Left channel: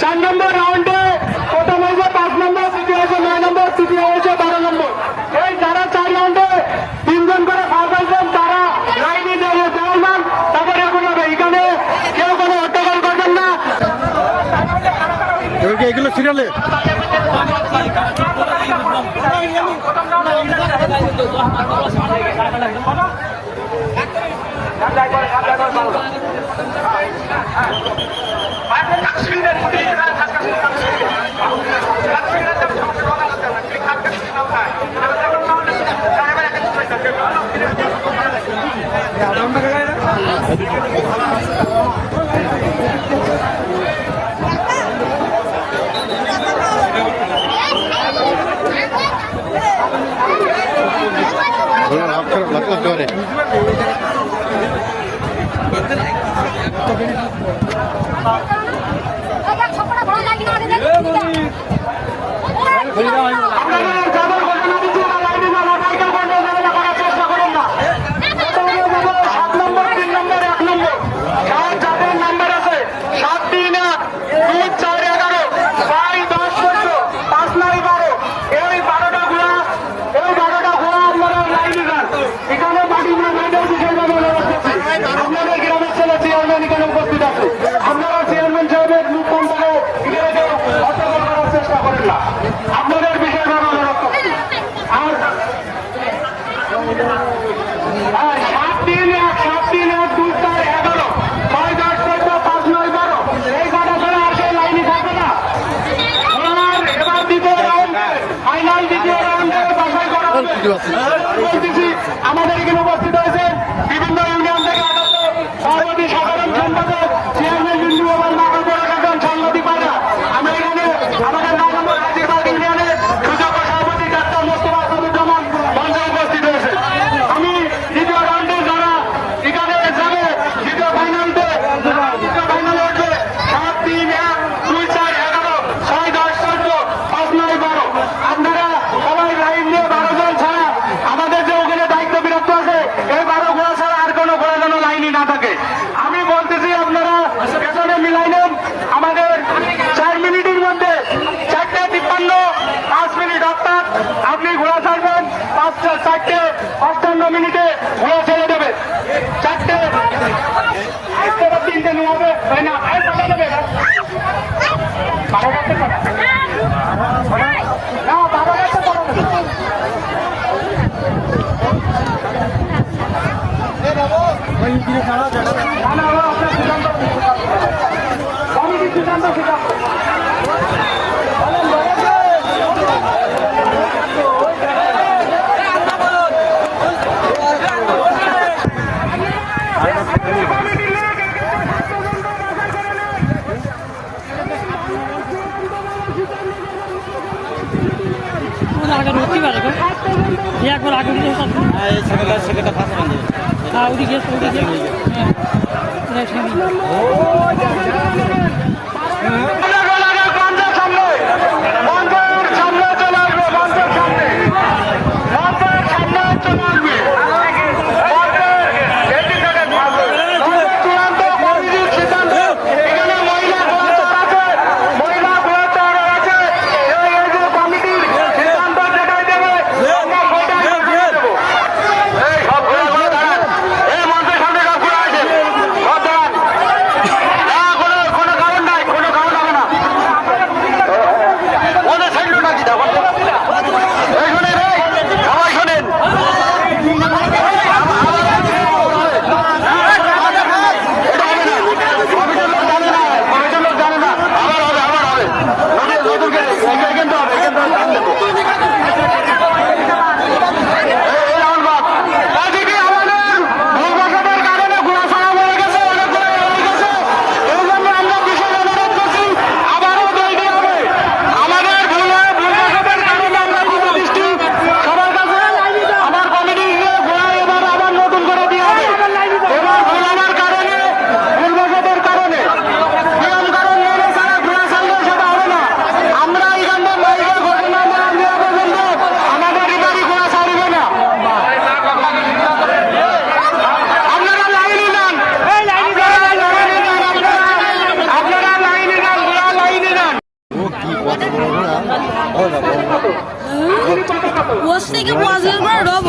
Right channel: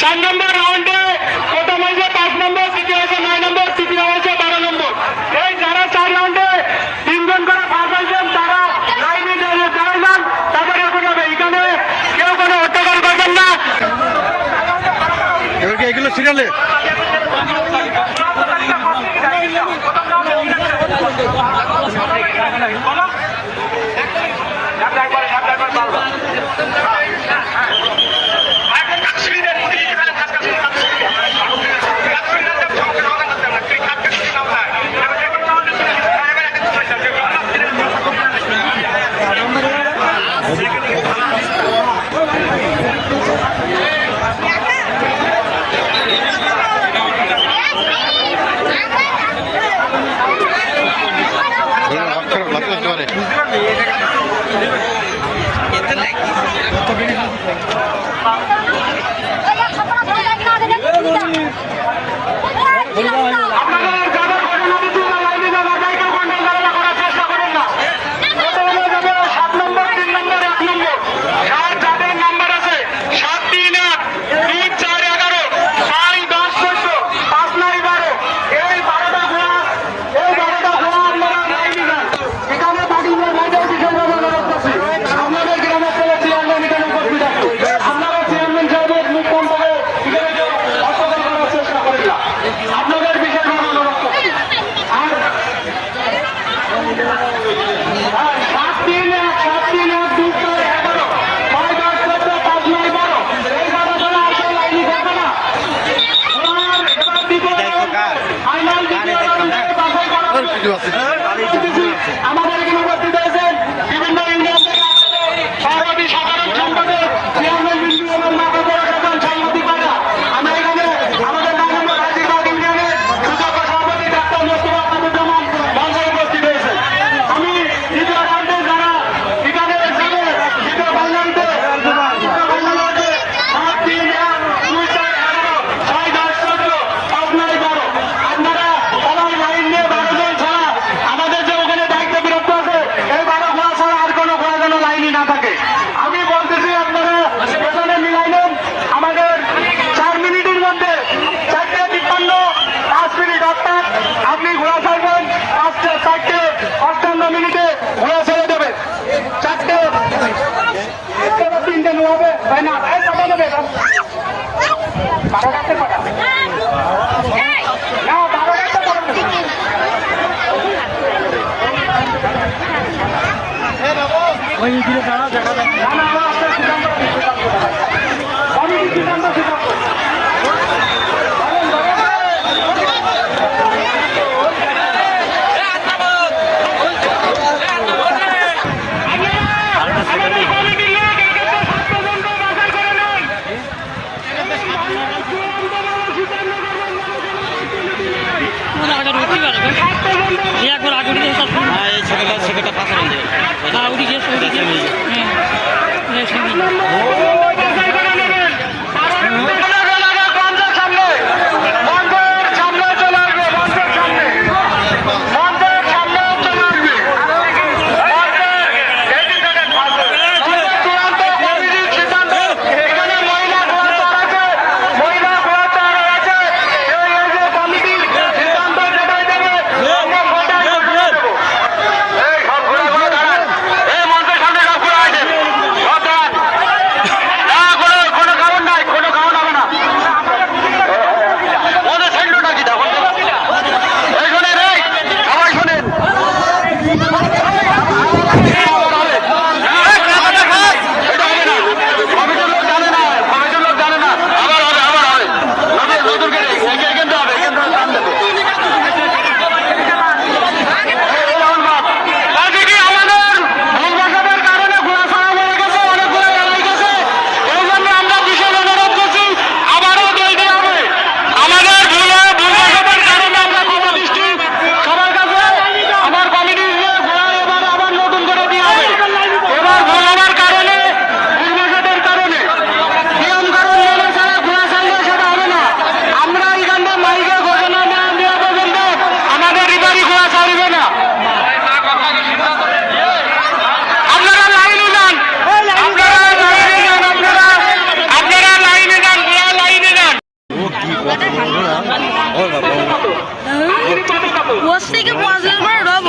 চার নম্বর রাউন্ডে প্রথম হয়েছে 5 নম্বর, দ্বিতীয় হয়েছে 9 নম্বর, তৃতীয় হয়েছে 12 নম্বর। এই যারা 4 রাউন্ডে 3 জন করে পাস হয়েছেন তারা লাইনে যান, তারপরে এখন হবে। এখানে কেউ কোনো হট্টগোল করবেন না। এবার কি এগুলো সিরিয়ালে লাগতে পারে। আপনাদের বিষয় আমাদের এখানে উপস্থিত হয়েছে বিভিন্ন ইউনিয়ন থেকে সভাপতি সাধারণ সম্পাদক চেয়ারম্যান বিন্দু এবং সাংবাদিক পাড়া। আমি এখানে আমাদের রাজিরবাগ ইউনিয়নের সুযোগ্য সভাপতি ডাক্তার মোস্তফা কামরুজ্জামান মঞ্চে উপস্থিত হয়েছে। আমি দ্বিতীয় রাউন্ডে যারা এখানে এখানে দ্বিতীয় ফাইনালতে 7, 3, 1, 2, 4, 11, 6, 10, 14, 5, 9, 12 আপনারা সবাই লাইন নিয়ে 12 জন ছাড়া আমাদের যে ওখানে দায়িত্ব বিরক্ত আছে এই 12 ঘোড়া ছাড়া আর কোনো ঘোড়া যেন লাইনে না থাকে। আমি বলতেছি আপনারা পেছনে মিলাই নেন। আমাদের 4 মিনিটের মধ্যে 4:53, 5 মিনিট অর্থাৎ আপনি ঘোড়া ছাড়বেন 4:58 মিনিটে ঘোড়া ছেড়ে দেবে। 4:3 নেওয়া হবে তাই না? কথা দেবে আগে উঠতে পারে তো যে একবার আগে উঠে সেটা ফাঁকা নেই হ্যাঁ উঠে গিয়েছে ওয়াশ থেকে পয়সা করে রব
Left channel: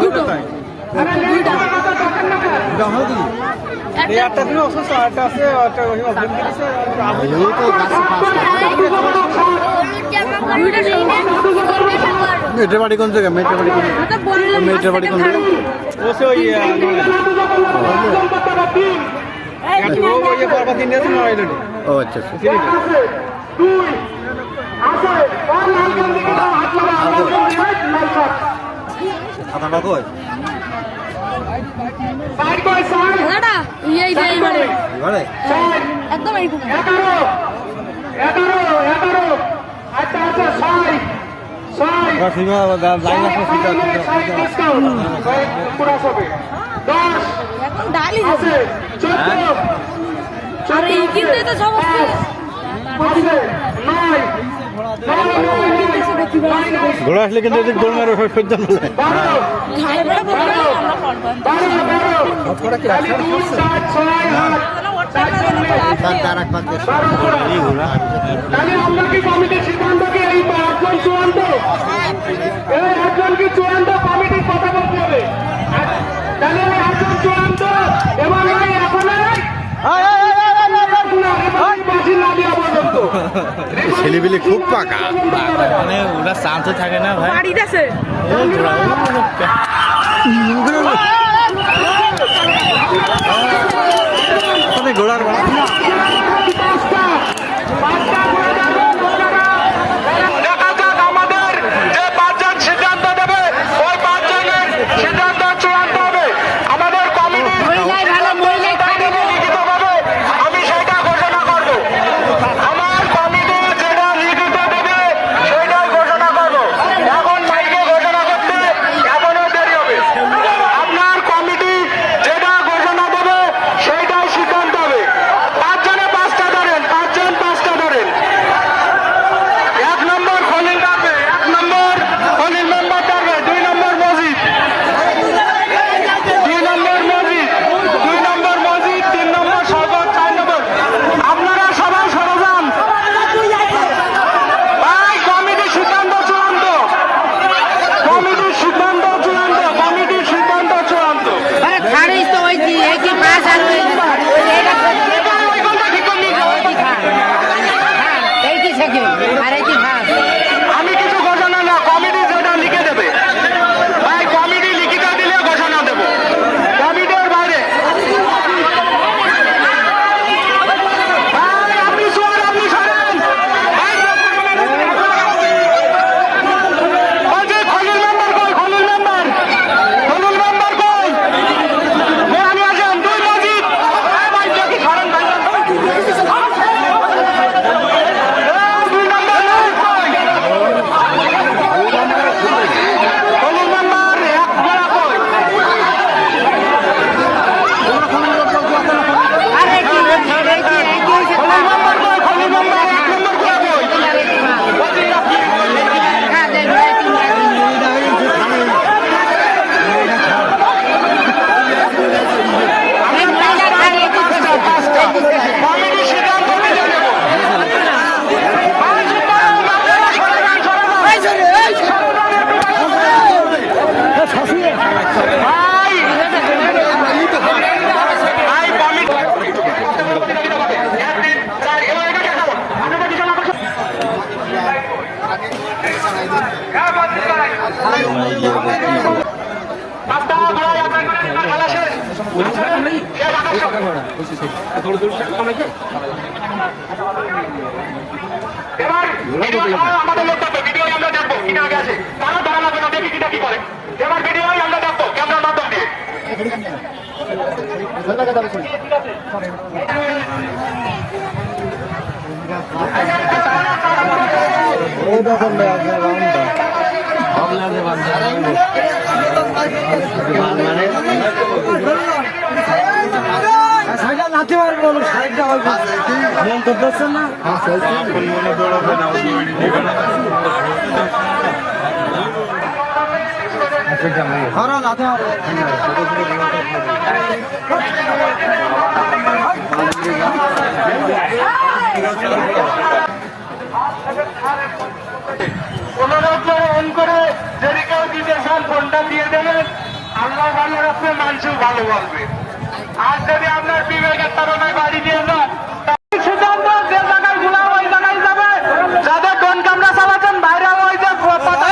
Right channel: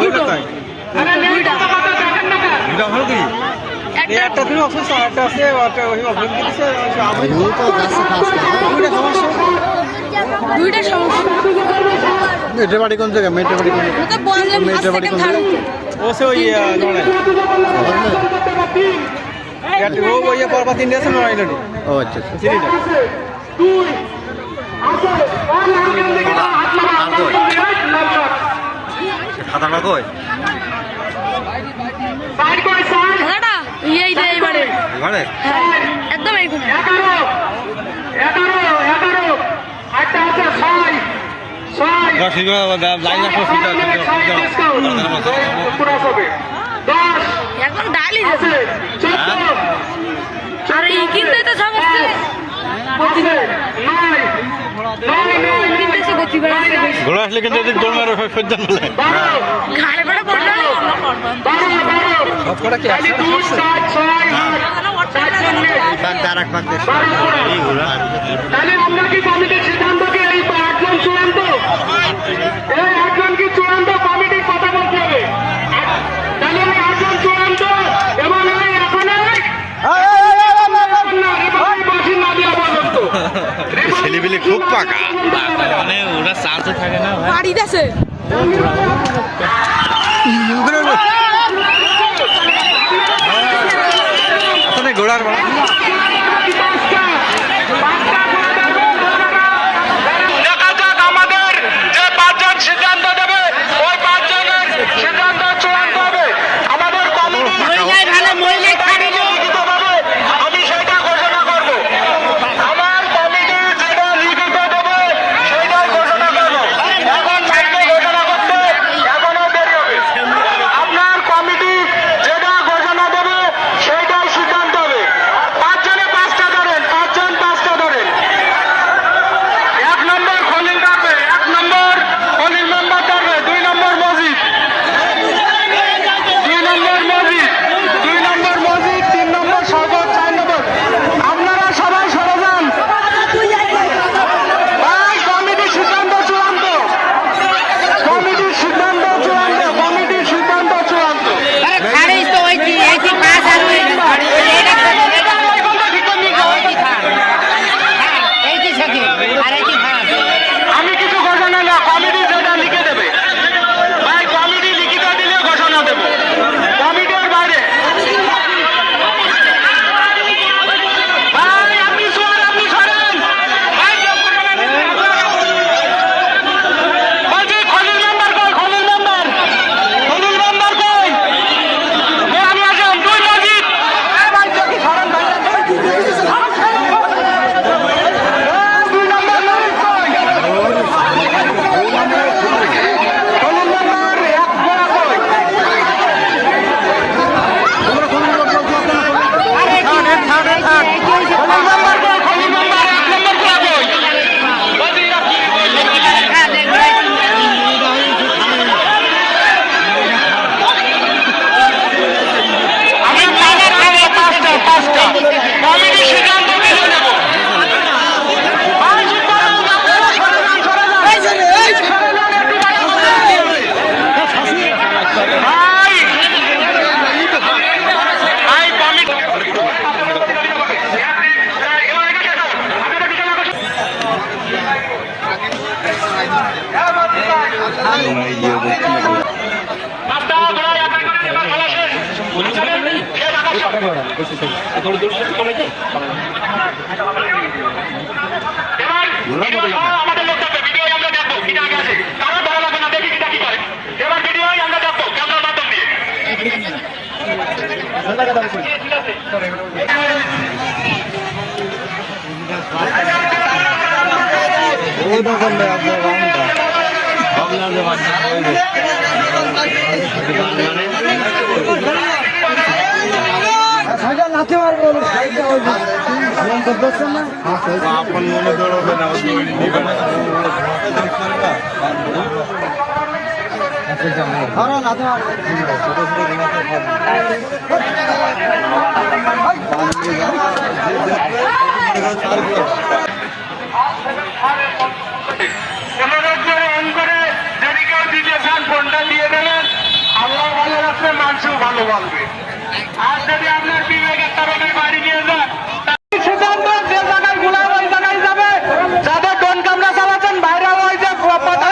দুটো দুইটা এটা হলো কি একটা তুমি অবশ্য আট আছে একটা ওই অফিস দিছে আর ইউ তো গাছে ফাঁস না দুইটা সমস্যা মেটে বাড়ি কোন জায়গা মেটে বাড়ি কোন জায়গা তো বললাম মেটে বাড়ি কোন জায়গা ওসে ওই ইয়াটি ও ওই করবা দিন আছে না আইলো ও আচ্ছা আচ্ছা চিনি না আর কই খাতাটা কই দাদা এই যে এইবারে এবারে একদম এই কোণে লাইন আসো এখন ডালি দেবে আর এই কিনতে তো সমস্ত কিনতেছে গতি বাড়াচ্ছে ঘোড়া আসলে কিন্তু এদিক দৌড় মারো সজ্জন বলে ঘাড়ে বেড়া পড়বে সব কটা কি আছে বাদ দাঁড়াক বাদ দেশ ছেলেবেলে খুব পাকা মানে ওরা চান্সও থাকে না ভাই বাড়িতে আছে ঘোড়ার দেখা যাক আমাদের যে পাঁচজন সিদ্ধান্ত দেবে ওই পাঁচজনের সিদ্ধান্ত চূড়ান্ত হবে আমাদের আমি সেটা ঘোষণা করবো আমার কমিটি যেটা লিখিত দেবে সেটাই ঘোষণা করবো এখন মাইকে ঘোষণা করতে এখনো দেরি হবে আপনার কমিটি যেটা ঘোষণা দেবে সেইটাই সিদ্ধান্ত হবে পাঁচজনে এবার ভিডিও সহ আমাদের লোকটাকে ভিডিও আমরা দেখবো কি না গেছে কারণ ধরা লাগবে না দেখি কিটা কি করে এবার ভিডিও আমরা দেখবো ক্যামেরার মাধ্যম দিয়ে আপন মনে দৌড়াবে না অনুরোধ করে অন করে যদি কেউ দিতে চান ফোনটা দিয়ে দেবেন আল্লাহ ভালো রাখবে মানুষও ভালোবাসবে আর যদি আপনার বিবেকের তরফে বাড়ি দিয়ে যান সিদ্ধান্ত যে জায়গায় গুলা ওই জায়গায় যাবে যাদের ডোন ক্যামেরা চালাচ্ছেন বাইরে ওই যে পতাকা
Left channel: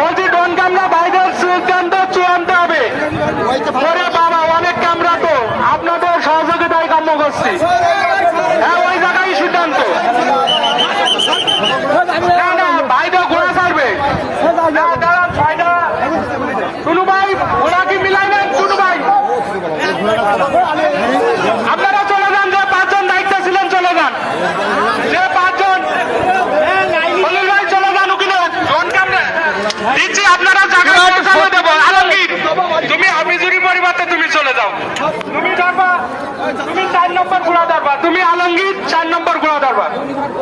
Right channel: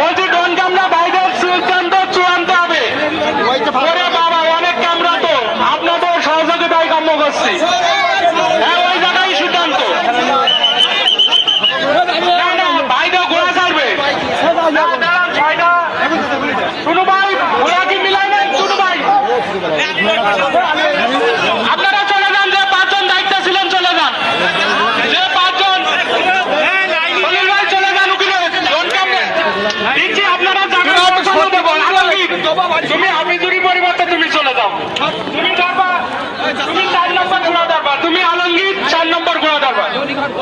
বলছি ডোন ক্যামেরা বাইরের সিদ্ধান্ত চূড়ান্ত হবে ওরে বাবা অনেক ক্যামেরা তো আপনাদের সহযোগিতায় কাম্য করছি হ্যাঁ ওই জায়গায় সিদ্ধান্ত না না বাইরে ঘোড়া ছাড়বে টুনু ভাই ঘোড়া কি মিলাইবেন টুনু ভাই আপনারা চলে যান যে পাঁচজন দায়িত্বে ছিলেন চলে যান যে পাঁচজন খলিল ভাই চলে যান ওখানে ডোন ক্যামেরা দিচ্ছি আপনারা জায়গা পৌঁছানো দেবো আলমগীর তুমি অভিযোগী পরিবর্তে তুমি চলে যাও তুমি ধরবা তুমি 4 নম্বর ঘোড়া ধরবা তুমি আলমগীর 4 নম্বর ঘোড়া ধরবা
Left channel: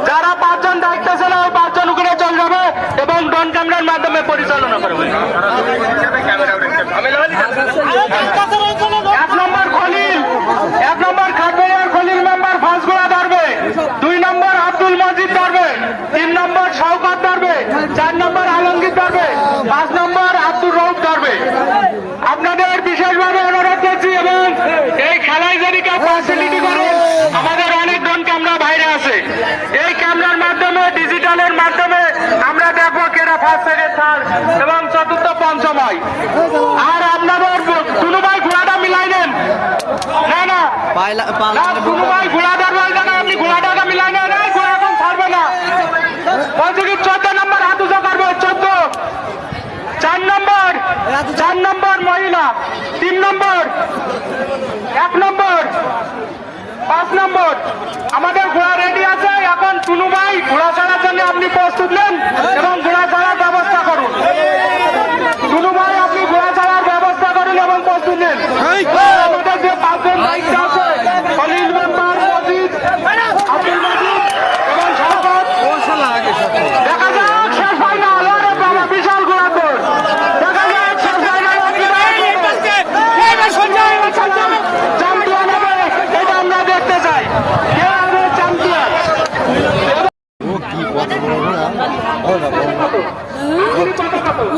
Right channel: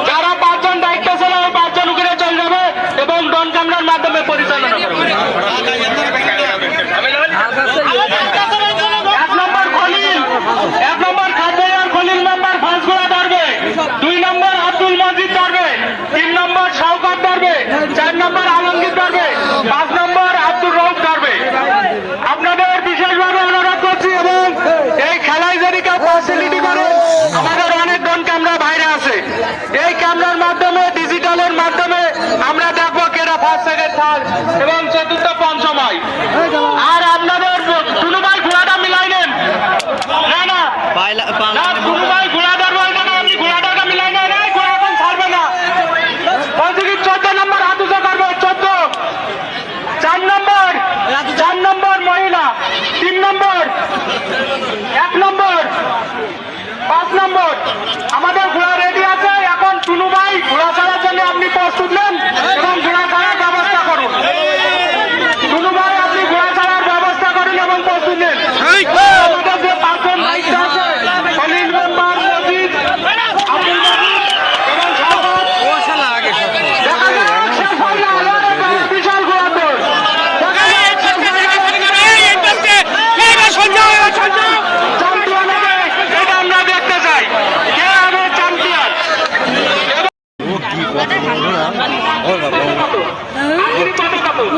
যারা পাঁচজন দায়িত্ব ছিল ওই পাঁচজন ওখানে চলে যাবে এবং ড্রোন ক্যামেরার মাধ্যমে পরিচালনা করবে 1 নম্বর খলিল 1 নম্বর খাটবাইয়ার খলিল মেম্বার ফার্স্ট ঘোড়া ধরবে 2 নম্বর আব্দুল মজিদ ধরবে 3 নম্বর শওকত ধরবে 4 নম্বর আলমগীর ধরবে 5 নম্বর আব্দুর রউফ ধরবে আপনাদের বিশেষভাবে অনুরোধ করছি এবং এই খেলায় যদি কেউ ফ্যাসিলিটি করে আমাদের অনেক ড্রোন ক্যামেরা বাইরে আছে এই ক্যামেরার মাধ্যমে ডিজিটালের মাধ্যমে আমরা দেখবো কেরা ফার্স্ট সেকেন্ড থার্ড এবং চতুর্থ পঞ্চম হয় আর আপনাদের কোনো ভাই ঘোড়াটা মিলাই নেন না না কোনো ভাই ঘোড়া ধরবো এটা না আপনি ঘোড়াটা মিলাই নেন এই ঘোড়া এখন ছাড়বে না বলছি কি 14 নম্বর হাত উঁচা করবে 14 4 নম্বর মহিলা 3 নম্বর 1 নম্বর 5 নম্বর আমাদের ঘোড়া রেডি আছে এখন টুনু ভাই ঘোড়া ছাড়ার জন্য আপনি প্রস্তুত নেন এবং ঘোড়া ছাড়ার ব্যবস্থা করুন টুনু ভাই আপনি ঘোড়া ছাড়ার ব্যবস্থা করুন এবং প্রস্তুত নেন আমাদের যে পাঁচজন দায়িত্ব আছে খলিল মেম্বার মজিদ আব্দুল মজিদ এবং বিশাল ঘোড়া তো এটা আমরা দেখতে চাই কে আগে চ্যাম্পিয়ন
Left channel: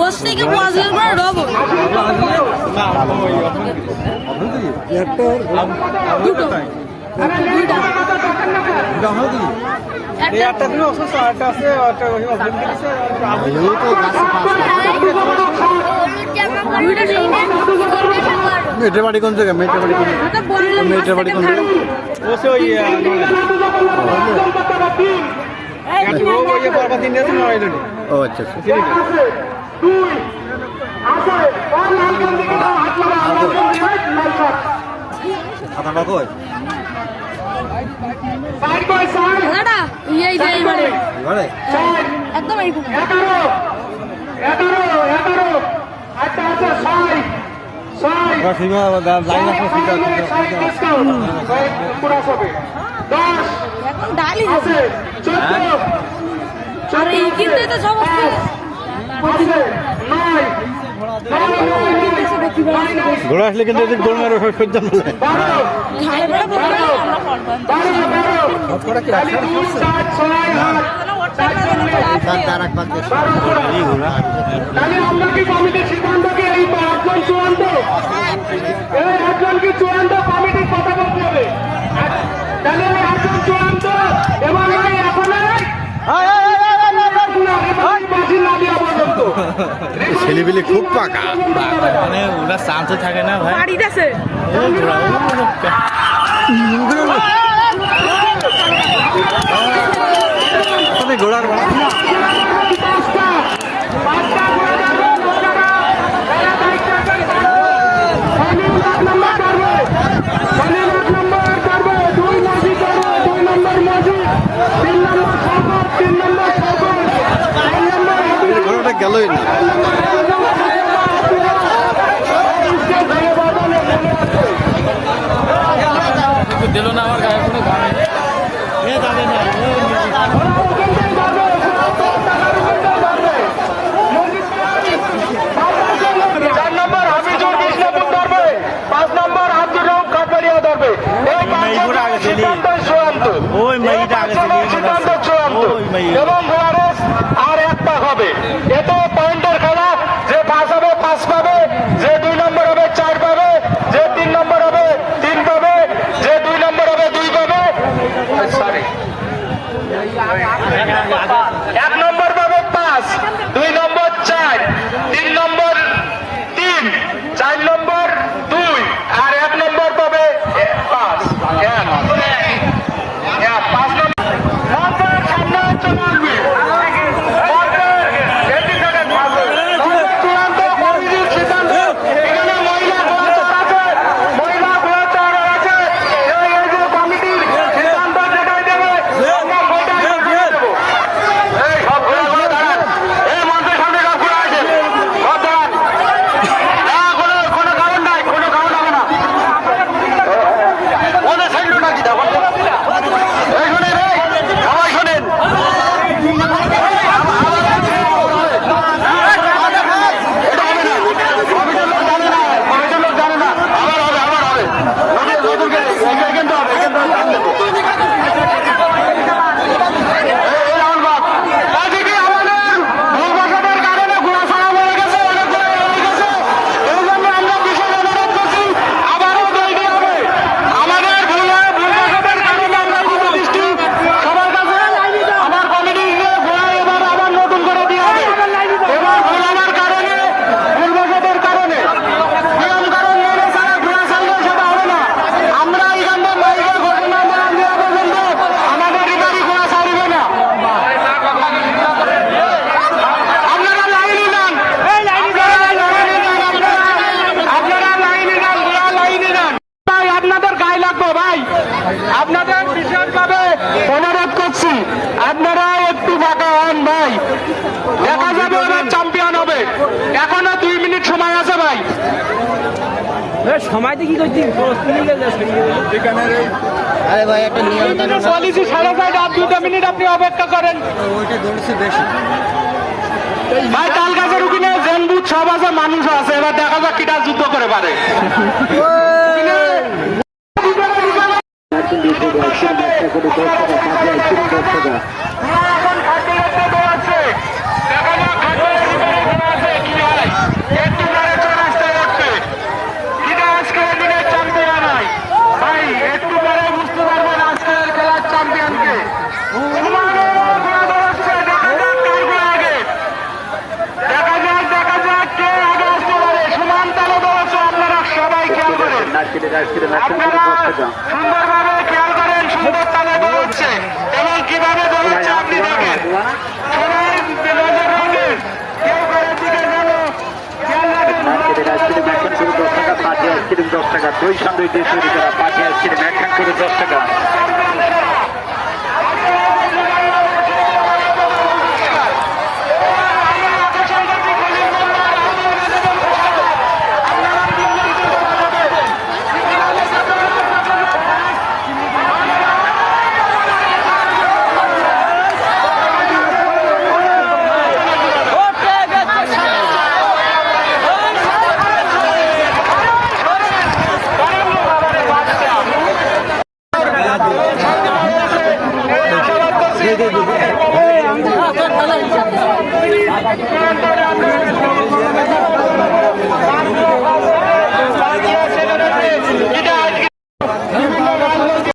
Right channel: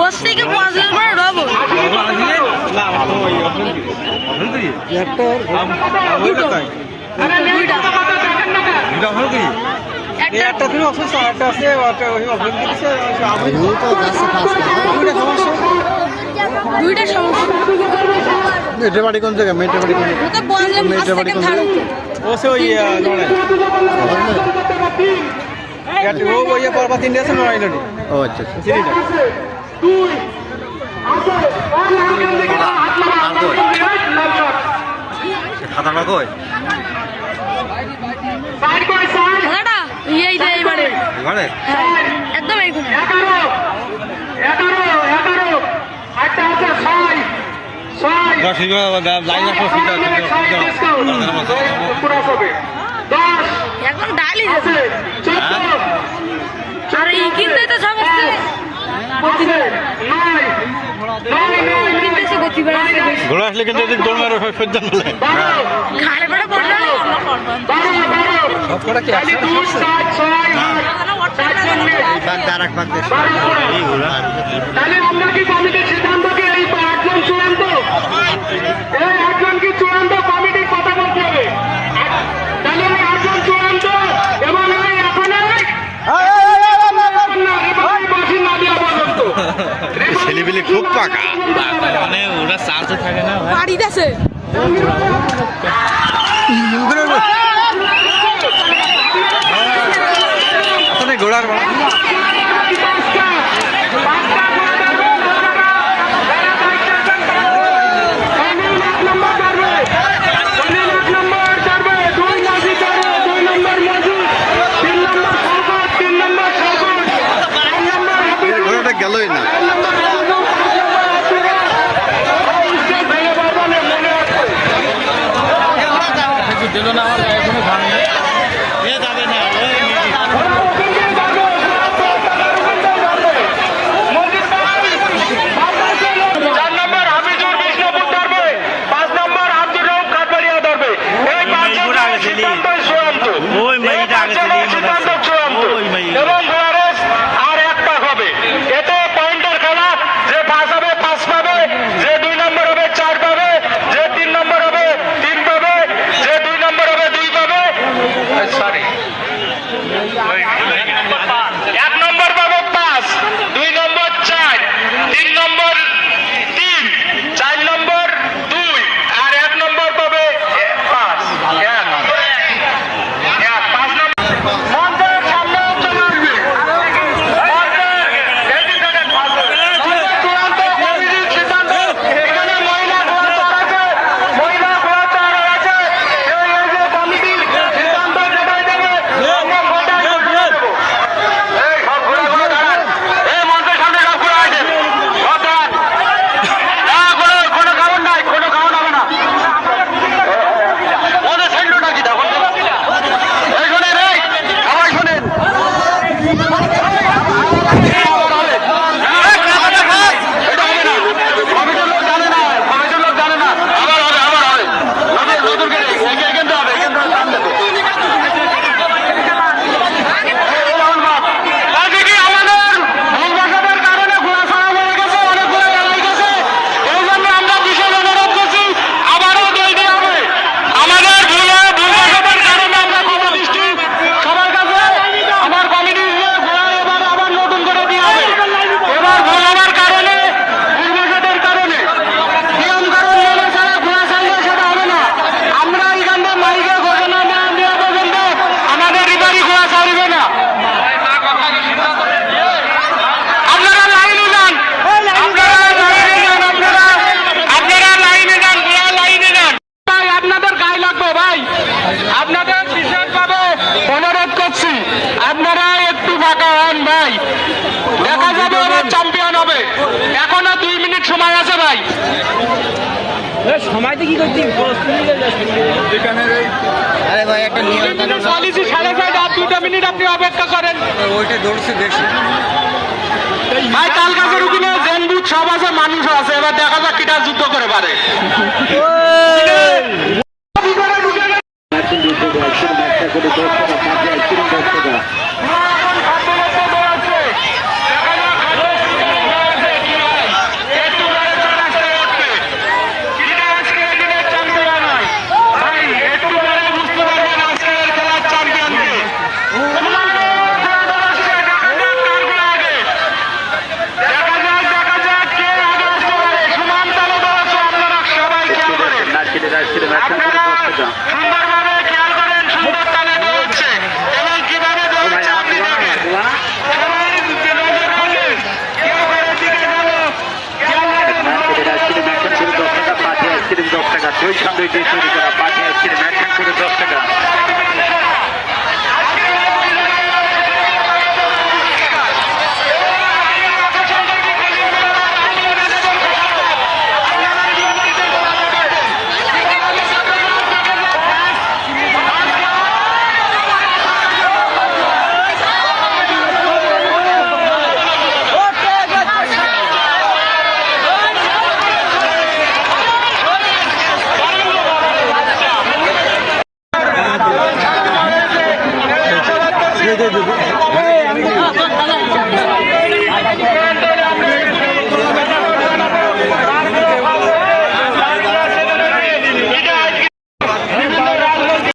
ওর থেকে 5 নম্বর ডবল দুইটা একটা দুইটা সমস্যা মেয়েটের বাড়ি কোন জায়গায় মেয়েটের বাড়ি কোন তো বললাম মেয়েটের বাড়ি কোন জায়গায় ও আচ্ছা আচ্ছা খাতাটা কই দাদা এই যে এবারে ঘরে একদম এই কোণে লাইন একদম ডালি দেবে আর এই কিনতে তো সমস্ত কিনতেছে গতি বেড়াচ্ছে ঘোড়া আসলে কিন্তু দৌড় মারো সজ্জা বলে ঘাড়ে বেড়া পড়বে আর এক পাক সিদ্ধান্তকে এই 5 জন চূড়ান্ত এই 8 জনকে ছেলেপিলে খুব পাকা, মানে ওরা চান্সও থাকে না ভাই। বাড়িতে আছে ঘোড়ার ঘোড়াটা গেলই না। দিল না আমার গায়ে কোনো দাম নেই। যাবে না চার নম্বর হাফিজুর বিষ্ণুপুর ধরবে, 5 নম্বর আব্দুর রউফ কাঠবাড়িয়া ধরবে। এই পাঁচজনের সিদ্ধান্ত চূড়ান্ত, এই পাঁচজনের সিদ্ধান্ত চূড়ান্ত এবং ঘোড়া রেস আর একটা হবে। এতে পয়েন্টের খেলা, যে 5 হবে 5 পাবে, যে 2 নম্বর হবে 4 পাবে, যে 3 নম্বর হবে 3 পাবে, যে 2 নম্বর হবে 2 পাবে। সরি, 1 নম্বর পাবে 5, 2 নম্বর 4, 3 নম্বর 3, 4 নম্বর 2 আর 1 নম্বর পাবে 5। 5 নম্বর মন্ত্রের সামনে চলে আসবে। চূড়ান্ত কমিটির সিদ্ধান্ত। এখানে মহিলা ঘোড়া আছে, মহিলা ঘোড়া তৈরি হয়েছে। এই যে কমিটির সিদ্ধান্ত যেটাই দেবে আমরা ভোটে দিয়ে দেবো। এই সব ঘোড়া দাঁড়ান, এই মঞ্চের সামনে সব ঘোড়া আছে, ভোট দাঁড়ান। কোনো কারণ নাই, কোনো কারণ হবে না। ওদের সাইড নাকি দেখো, এই শুনেন, সবাই শুনেন। আপনাদের গায়ে লাগবে ভাই, আপনাদের বিশেষভাবে অনুরোধ করছি, আপনারা একটু ফাঁকা হন ভাই। দেখা যাবে ওরা চ্যাম্পিয়ন হবে। এখনো 2 মিনিট সময় আছে ভাই। সময়টা কি করছি? আরে ভাই একটা নিয়ম পলিসি 6:30 আর 2 মিনিট আপনি অপেক্ষা করেন ওইটা দৌড়ছে বেশি। ভাই। তাল গাছের ওখানে জনবুত সব আছে, মানুষ আছে, এবার দেখা যাক কিটা যুদ্ধ করে পারে। আপনারা সুন্দরভাবে খেয়াল করেন, সুন্দর তালে দৌড়চ্ছে এবং কিভাবে দৌড়চ্ছে আপনি দেখেন। সবাই নজর রাখেন, কেউ কারোর দিকে গেল খেয়াল রাখেন। পাঠিয়ে আইসক্রিম 10 টাকা, 2 সামনে দিয়ে তৈরি করা পাঠিয়ে আইসক্রিম 1 করে 10 টাকা।